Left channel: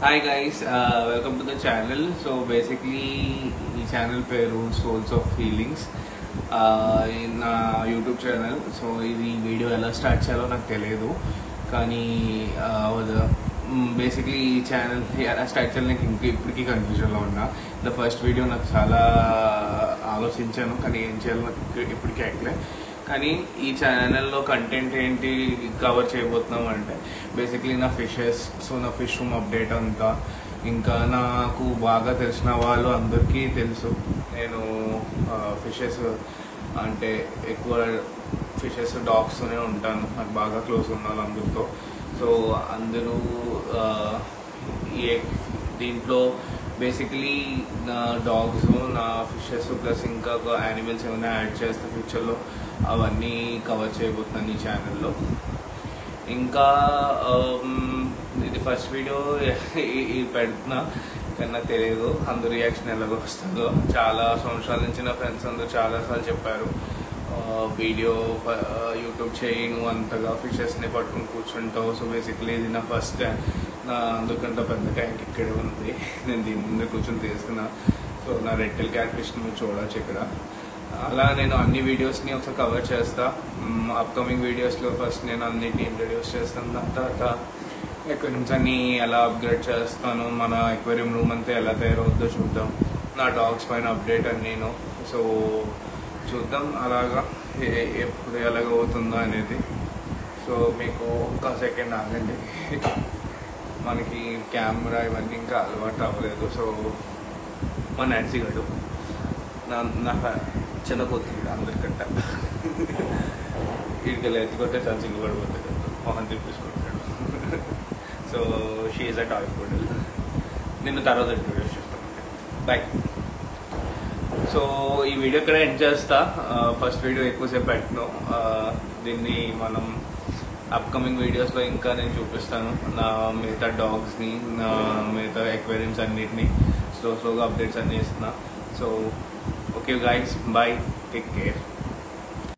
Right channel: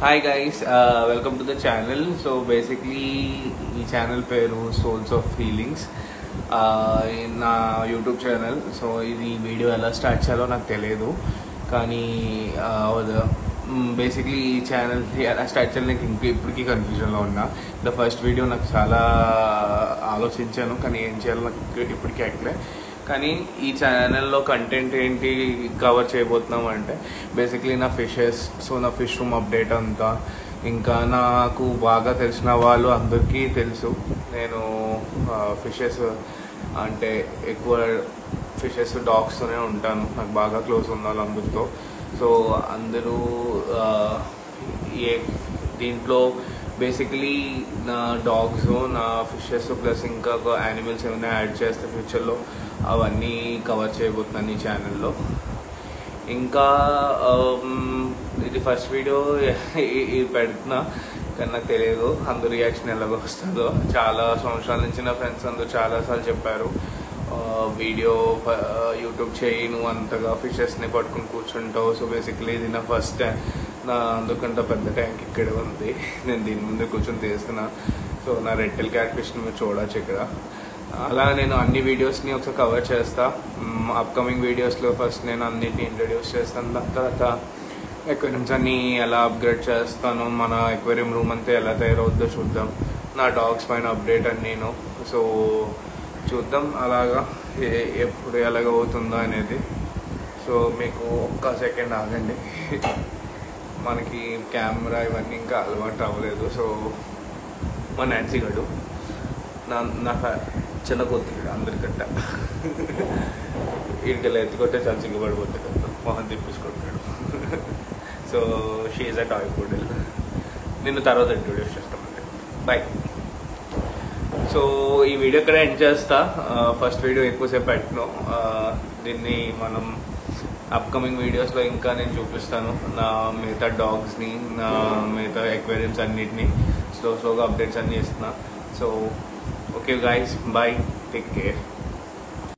Hi guys, welcome to the channel. So basically ఈ channel పేరు souls of feelings నా YouTube channel. So ఇది video ఎలా start చేయాలో నాకు తెలియదు, కానీ బేసిక్లీ ఈ ఛానల్ ఎలా స్టార్ట్ చేయాలి నేను ఇప్పటికీ కన్ఫ్యూజన్లో ఉన్నా. ద ఫస్ట్ వీడియో నాకు చాలా ఆలోచించాను, కానీ ఏం చేయాలో నాకు ఇప్పటికీ అక్కడే. కానీ ఈ ఛానల్లో కంటెంట్ ఏంటి కవర్ చేయబోతున్నాం అంటే బేసిక్లీ నా ఫిషెస్, సో నా ఫిష్ రూమ్ అప్డేట్ అంతా, ఇంకా నాకు బాగా తెలిసిన వాళ్ళు అందరికీ తెలుసు నేను ఫిషెస్ అంటే ఎక్కువ ఫిషెస్ డాగ్స్తోనే ఉంటాను, నాకు బాగా క్లోజ్ ఉన్నాను అందరితో. సో అందరూ దీంట్లో బేసికలీ నా డాగ్స్, నా ఫిషెస్ ప్లస్ ఇంకా యానిమల్స్ ఏమైనా యాడ్ చేస్తే ఫ్యూచర్లో అవన్నీ కవర్ చేయబోతున్నాను ఈ ఛానల్లో. ఇంకా ఇది ఫస్ట్ వీడియో ఇది పెడుతున్నా, కానీ నాకు తెలియదు అందరు రియాక్షన్ ఎలాగో వస్తుందో. చాలా సంవత్సరాల నుంచి నా ఫ్రెండ్స్ అందరూ చాలాసార్లు చెప్పారు వీడియో యూట్యూబ్ చేయి, నువ్వు అంతగా ఫిషెస్ని పట్టుకుని కూర్చుంటావు. సో బేసిక్లీ ఇది నా ఫస్ట్ నా అందుకంటే పెద్ద ట్యాంక్ ఇక్కడే ఉంది, నేను దీని ముందు కూర్చొని తీస్తున్నా. సో నా రెట్టెల్ క్యాట్ ఫిష్ని మీరు చూడవచ్చు ఇక్కడ. అలా నేను అన్ని వీడియోస్ని ఒకసారి కవర్ చేస్తా. అప్కమింగ్ వీడియోస్లో ఫస్ట్ నేను అన్నిటిని ఇంట్రడ్యూస్ చేస్తాను, దాని తర్వాత ఎక్వేరియంస్ అన్ని ఎలా అప్గ్రేడ్ చేస్తాను, మన ఎక్వేరియం రూమ్ అంతా ఎలా తయారవుద్దో చూద్దాం, నా డాగ్స్ పైన అప్డేట్ అని నేను. సో చూద్దాం అలాగా ఎప్పుడు ఎలాగ అవుతుందో అనేది. సో మీకు ఒక్క సెకండ్ ఆగండి, మనకి కెమెరా ఇవన్నీ ఇంకా అలవాటు అవ్వలేదు. సో మా నాన్సీ గడు నాకు చిన్న కొద్దిగా అందరికంట వీడికి ఎత్తుకొట్టే తను సిగ్గుపడిపోతాడు, మొహన్ తిప్పించుకుంటాడు. So she's a toy poodle. నిన్ను తర్వాత ఇంట్రొడ్యూస్ చేస్తామండి. బాయ్. సో ఈ వీడియో ఇక్కడ ఎండ్ చేస్తా. ఫస్ట్ వీడియో ఎక్కువసేపు పెట్టను, దీన్ని మనం అప్కమింగ్ వీడియోస్లో ఇంకా నేను చూపిస్తాను నా మిగతా డాగ్స్ని, నా మిగతా ఎక్వేరియమ్స్ అన్నిటిని స్లోగా అప్డేట్స్ అన్ని ఇస్తున్నా. So okay guys, bye, take care.